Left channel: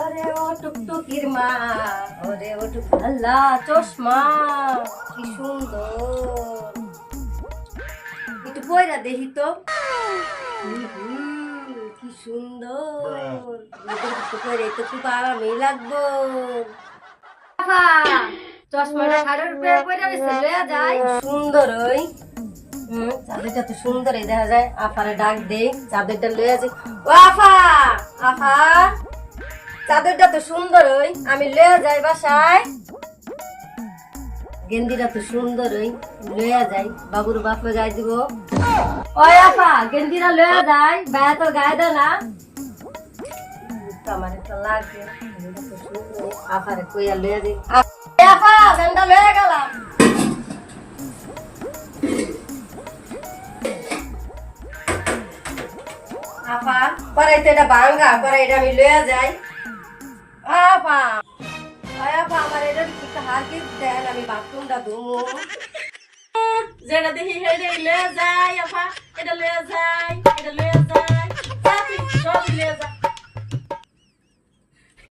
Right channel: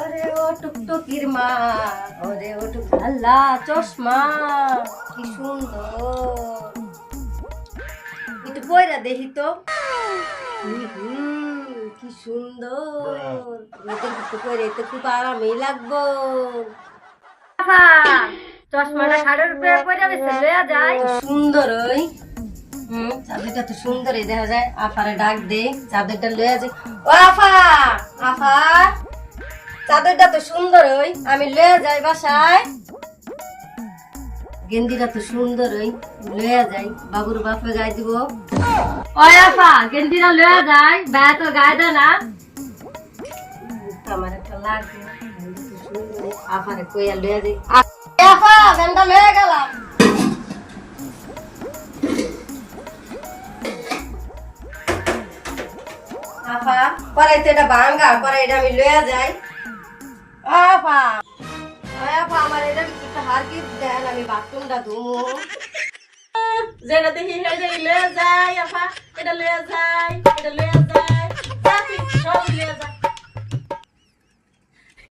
ওরে ও টুকটুকির মা, ওরে ও আল্লাহ চশমা কি সুন্দর, একটু পয়রা দেখি তো। কি সুন্দর, একটু পয়রা তো খুব আরামই লাগবো। চশমাটা ঘাড়ের উপরে পয়রা দিছে, লয়া যায় সুন্দর। ওই চাদরটা তো সুন্দরই দেখা যায়। আফারে ডাক দে, চাদরটা লয়ে যায়। ও আফা, আফা চাদরটা তো সুন্দর, ওই আমি লয়ে যাই বাসায়। গেন্দিটা তো সুন্দর, ওই লয়ে যাই, বাবুর বাপে গায়ে দিব। ওই আফা গেন্দিটা লয়ে যাই, ভাইয়া তো গায়ে দেয় না। আমার একটা লাগবে, আফারে কইয়া লয়ে যাই। আফা গেন্দা লয়ে গেলাম। আপা করাইতে এটা ভাঙ্গা, করাইটা আমি লইয়া যাই। আপা আপা আমার এটা একটা হার কি দেন, আমি বাথরুমটা ধুমু। যেটা দেখি লইয়া যাই। আপা এটা লইয়া যাই, এটা লইয়া যাই।